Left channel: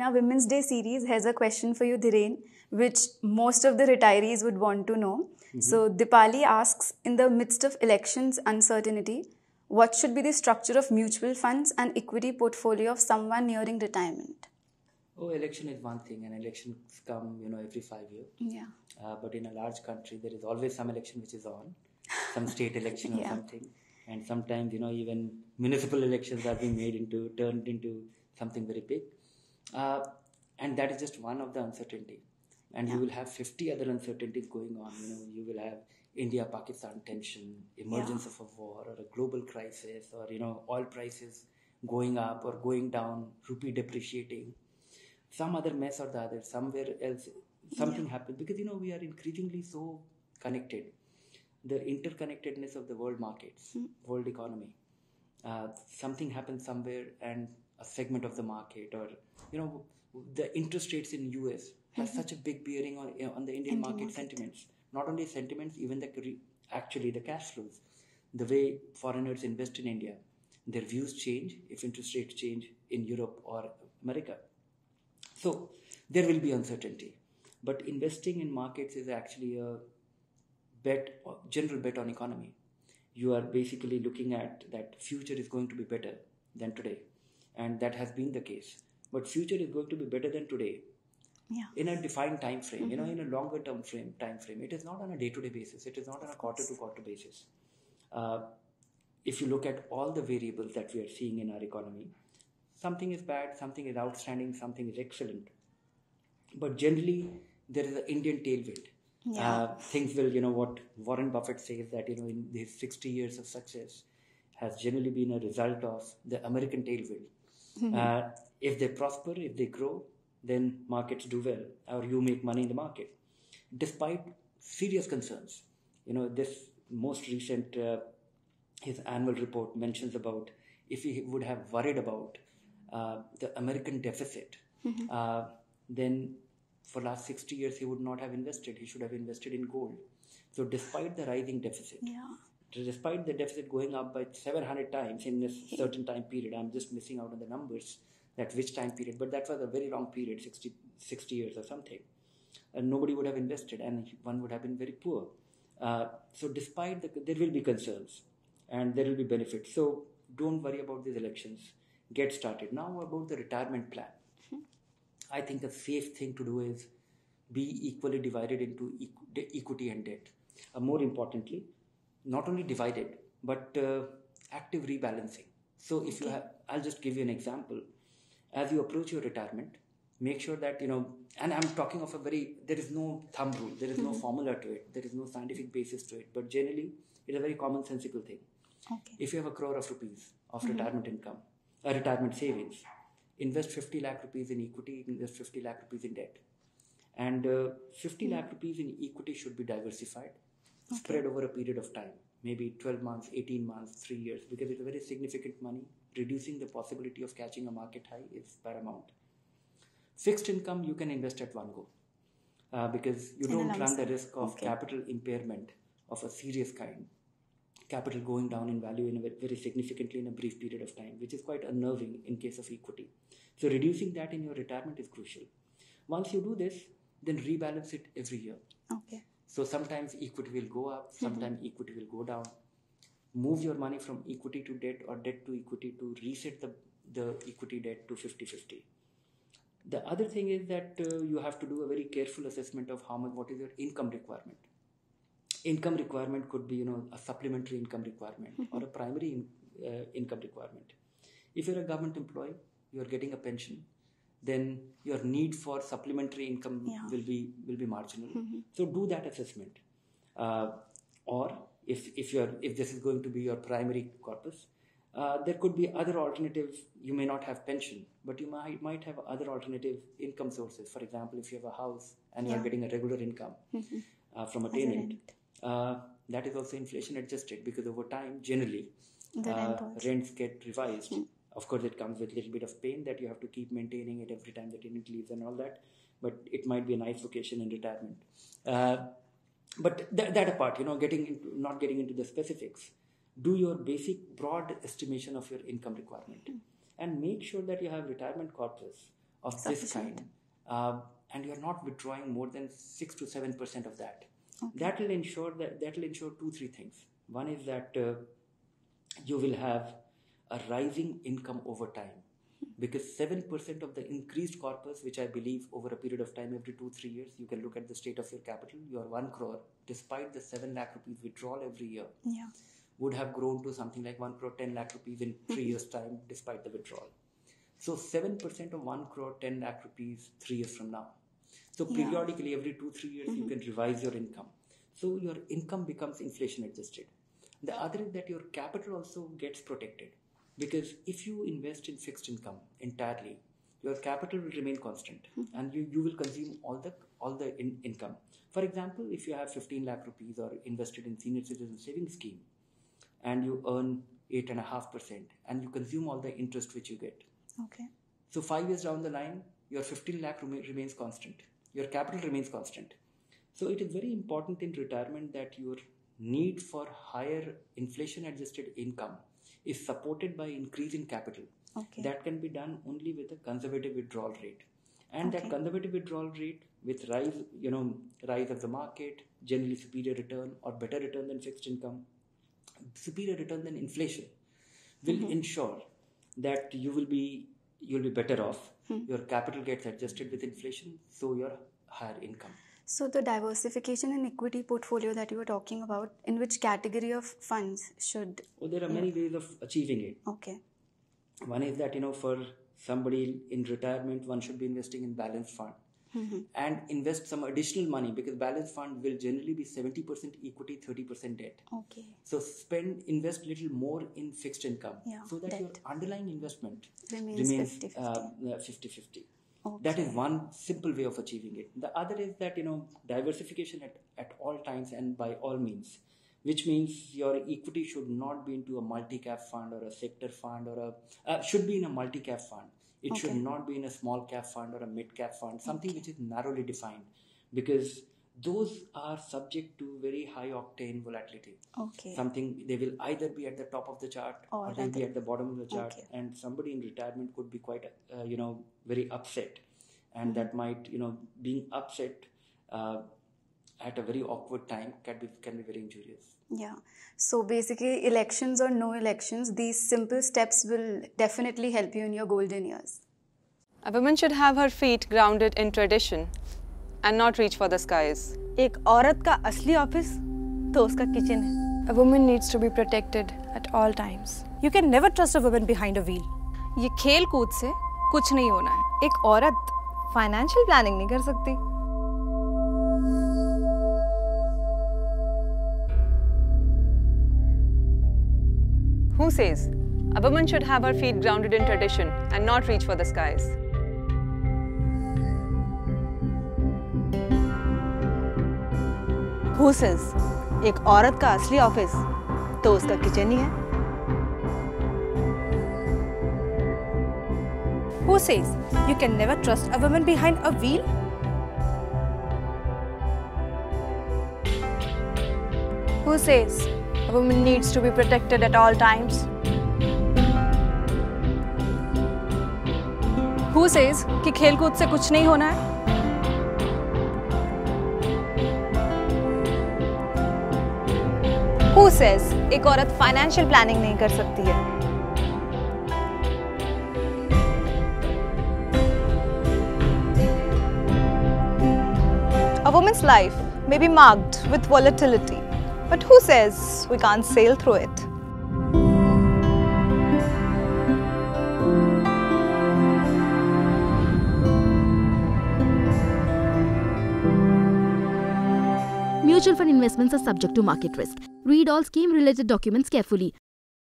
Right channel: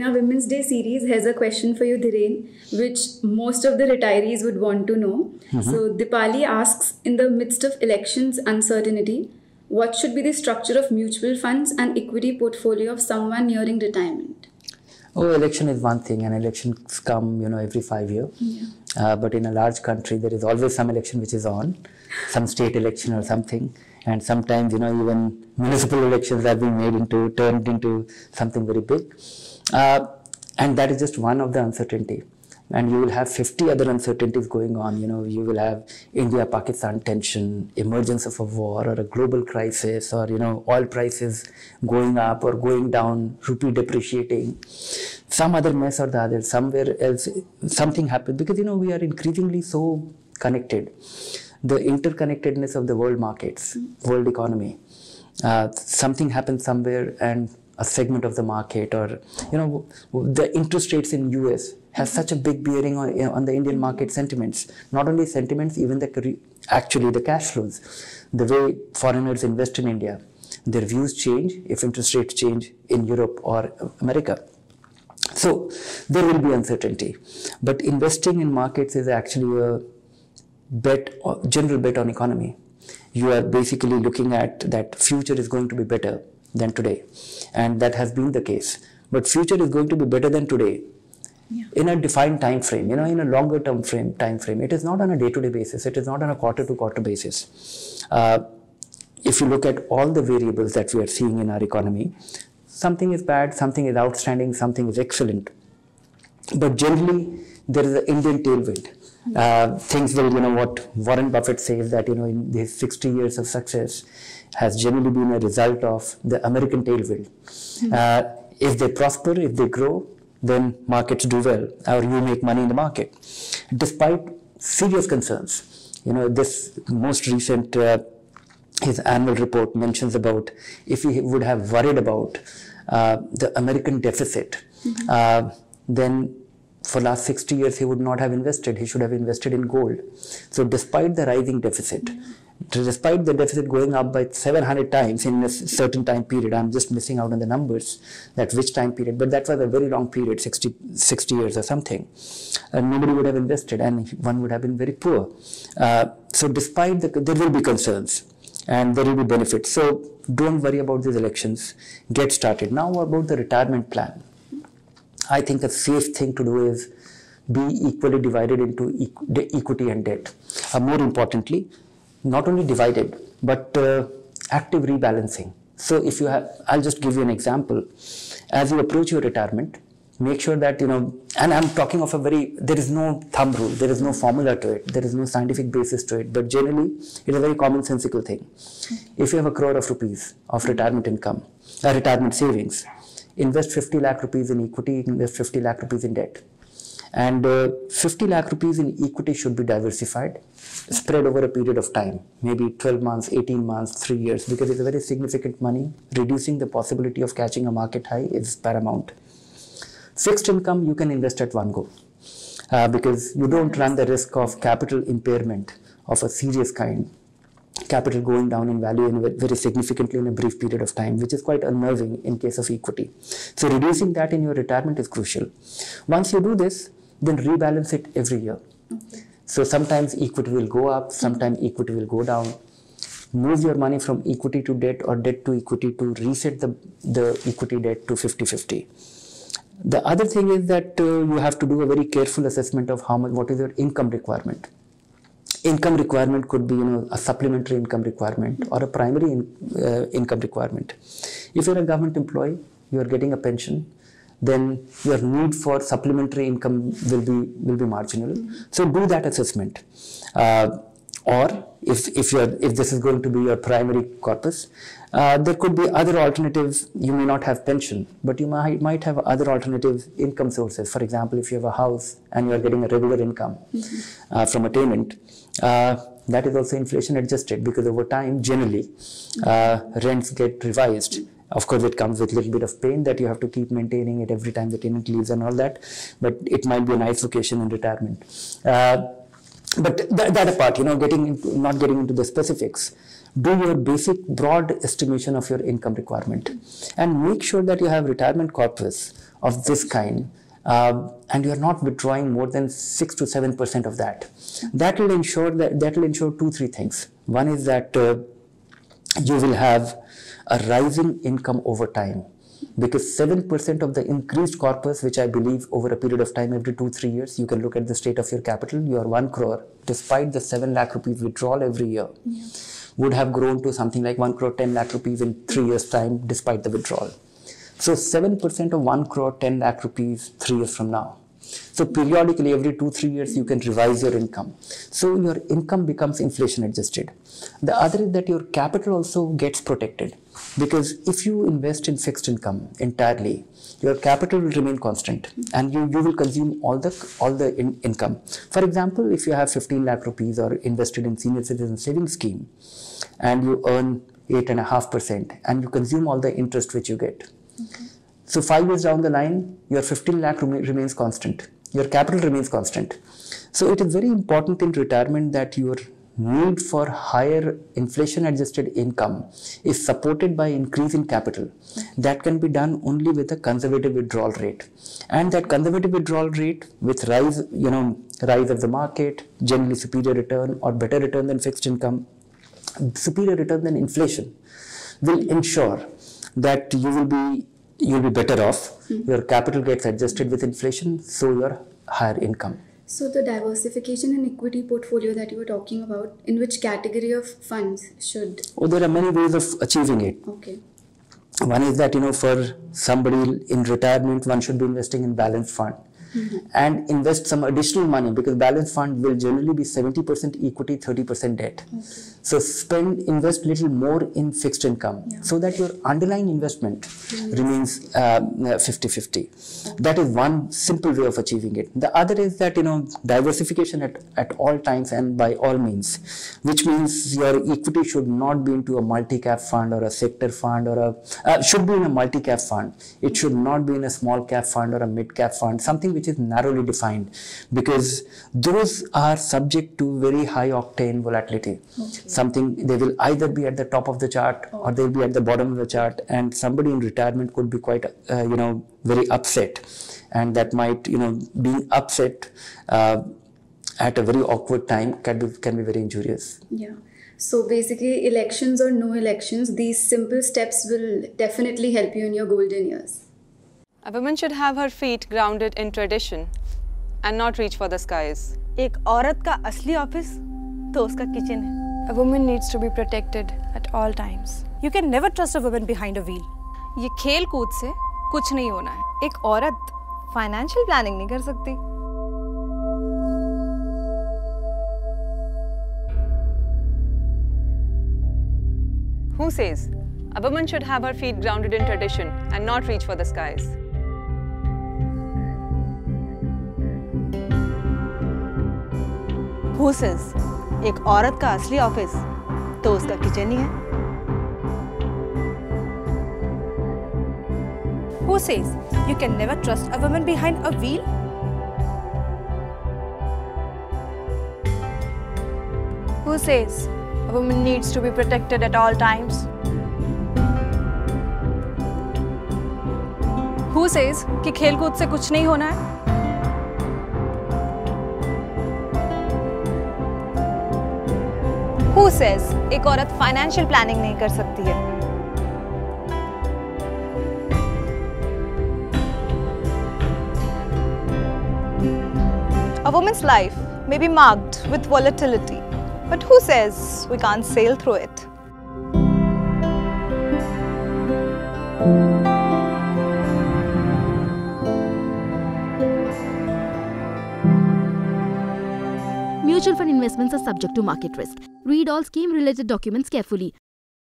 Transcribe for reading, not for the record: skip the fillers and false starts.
in our Women's Day series, here's a question for you, Dhiren, which most of the retirees would want to know. So Dipali asks, in the midst of elections uncertainty, what should be the structure of mutual funds and equity portfolio of someone nearing retirement? Oh, election is one thing, and elections come, every 5 years. Yeah. But in a large country, there is always some election which is on, some state election or something. And sometimes, even municipal elections are being turned into something very big. And that is just one of the uncertainty. And you will have 50 other uncertainties going on. You will have India-Pakistan tension, emergence of a war or a global crisis, or, oil prices going up or going down, rupee depreciating, some other mess or the other, somewhere else, something happened. Because, we are increasingly so connected. The interconnectedness of the world markets, world economy, something happens somewhere and a segment of the market, or, the interest rates in US has such a big bearing on the Indian market sentiments. Not only sentiments, even actually the cash flows. The way foreigners invest in India, their views change if interest rates change in Europe or America. So there will be uncertainty. But investing in markets is actually a general bet on economy. You are basically looking at that future is going to be better than today. And that has been the case. But future is going to be better than today. Yeah. In a defined time frame, in a longer term time frame. It is not on a day-to-day basis. It is not on a quarter-to-quarter basis. If you look at all the variables that we are seeing in our economy, something is bad, something is outstanding, something is excellent. But generally, there is an Indian tailwind. Things will, what Warren Buffett says, that, in his 60 years of success has generally been a result of the American tailwind. If they prosper, if they grow, then markets do well, or you make money in the market. Despite serious concerns, this most recent, his annual report mentions about if he would have worried about the American deficit, then for last 60 years he would not have invested. He should have invested in gold. So despite the rising deficit, despite the deficit going up by 700 times in a certain time period, I'm just missing out on the numbers, that which time period, but that was a very long period, 60 years or something. And nobody would have invested, and one would have been very poor. So despite there will be concerns and there will be benefits. So don't worry about these elections. Get started. Now about the retirement plan. I think a safe thing to do is be equally divided into equity and debt. More importantly, not only divided, but active rebalancing. So if you have, I'll just give you an example. As you approach your retirement, make sure that, and I'm talking of there is no thumb rule, there is no formula to it, there is no scientific basis to it, but generally, it's a very commonsensical thing. Okay. If you have 1 crore of rupees of retirement income, retirement savings, invest 50 lakh rupees in equity, invest 50 lakh rupees in debt. And 50 lakh rupees in equity should be diversified, spread over a period of time, maybe 12 months, 18 months, 3 years, because it's a very significant money. Reducing the possibility of catching a market high is paramount. Fixed income, you can invest at one go, because you don't run the risk of capital impairment of a serious kind, capital going down in value very significantly in a brief period of time, which is quite unnerving in case of equity. So reducing that in your retirement is crucial. Once you do this, then rebalance it every year. Okay. So sometimes equity will go up, sometimes equity will go down. Move your money from equity to debt or debt to equity to reset the equity debt to 50-50. The other thing is that you have to do a very careful assessment of what is your income requirement. Income requirement could be, a supplementary income requirement or a primary income requirement. If you're a government employee, you're getting a pension, then your need for supplementary income will be marginal. So do that assessment. Or if this is going to be your primary corpus, there could be other alternatives. You may not have pension, but you might have other alternative income sources. For example, if you have a house and you are getting a regular income from a tenant, that is also inflation adjusted, because over time, generally, rents get revised. Of course, it comes with a little bit of pain that you have to keep maintaining it every time the tenant leaves and all that, but it might be a nice location in retirement. But that apart, not getting into the specifics, do your basic broad estimation of your income requirement and make sure that you have retirement corpus of this kind, and you are not withdrawing more than 6 to 7% of that, that will ensure 2-3 things. One is that you will have a rising income over time, because 7% of the increased corpus, which I believe over a period of time, every 2-3 years, you can look at the state of your capital, your 1 crore, despite the 7 lakh rupees withdrawal every year, would have grown to something like 1 crore 10 lakh rupees in 3 years time, despite the withdrawal. So 7% of 1 crore 10 lakh rupees 3 years from now. So periodically, every 2-3 years, you can revise your income. So your income becomes inflation adjusted. The other is that your capital also gets protected, because if you invest in fixed income entirely, your capital will remain constant, and you will consume all the income. For example, if you have 15 lakh rupees or invested in senior citizen savings scheme, and you earn 8.5%, and you consume all the interest which you get. Okay. So 5 years down the line, your 15 lakh remains constant. Your capital remains constant. So it is very important in retirement that your need for higher inflation adjusted income is supported by increase in capital. Okay. That can be done only with a conservative withdrawal rate. And that conservative withdrawal rate with rise of the market, generally superior return or better return than fixed income, superior return than inflation, will ensure that you'll be better off. Your capital gets adjusted with inflation, so your higher income. So the diversification and equity portfolio that you were talking about, in which category of funds should? Oh, there are many ways of achieving it. Okay. One is that, for somebody in retirement, one should be investing in balanced fund. And invest some additional money, because balanced fund will generally be 70% equity, 30% debt. Okay. So invest little more in fixed income, so that your underlying investment remains 50-50. Okay. That is one simple way of achieving it. The other is that, diversification at all times and by all means, which means your equity should not be into a multi-cap fund or a sector fund, or should be in a multi-cap fund. It should not be in a small cap fund or a mid-cap fund, something which is narrowly defined, because those are subject to very high octane volatility. Okay. Something, they will either be at the top of the chart or they'll be at the bottom of the chart, and somebody in retirement could be quite very upset, and that might being upset at a very awkward time can be very injurious. Yeah. So basically, elections or no elections, these simple steps will definitely help you in your golden years. A woman should have her feet grounded in tradition and not reach for the skies. एक औरत का असली office तो उसका kitchen है. A woman needs to be protected at all times. You can never trust a woman behind a wheel. ये खेल कूद से कुछ नहीं होना है. एक औरत फाइनेंशियल प्लानिंग नहीं कर सकती. Who says a woman should have her feet grounded in tradition and not reach for the skies? Who says एक औरत का असली ऑफिस तो उसका किचन ही है? Who says you can never trust a woman behind a wheel? Who says a woman needs to be protected at all times? Who says कि खेल कूद से कुछ नहीं होना है? Who says एक औरत फाइनेंशियल प्लानिंग नहीं कर सकती है? A woman's life may be marked with volatility, but who says we can't sail through it? Mutual fund investments are subject to market risk. Read all scheme-related documents carefully.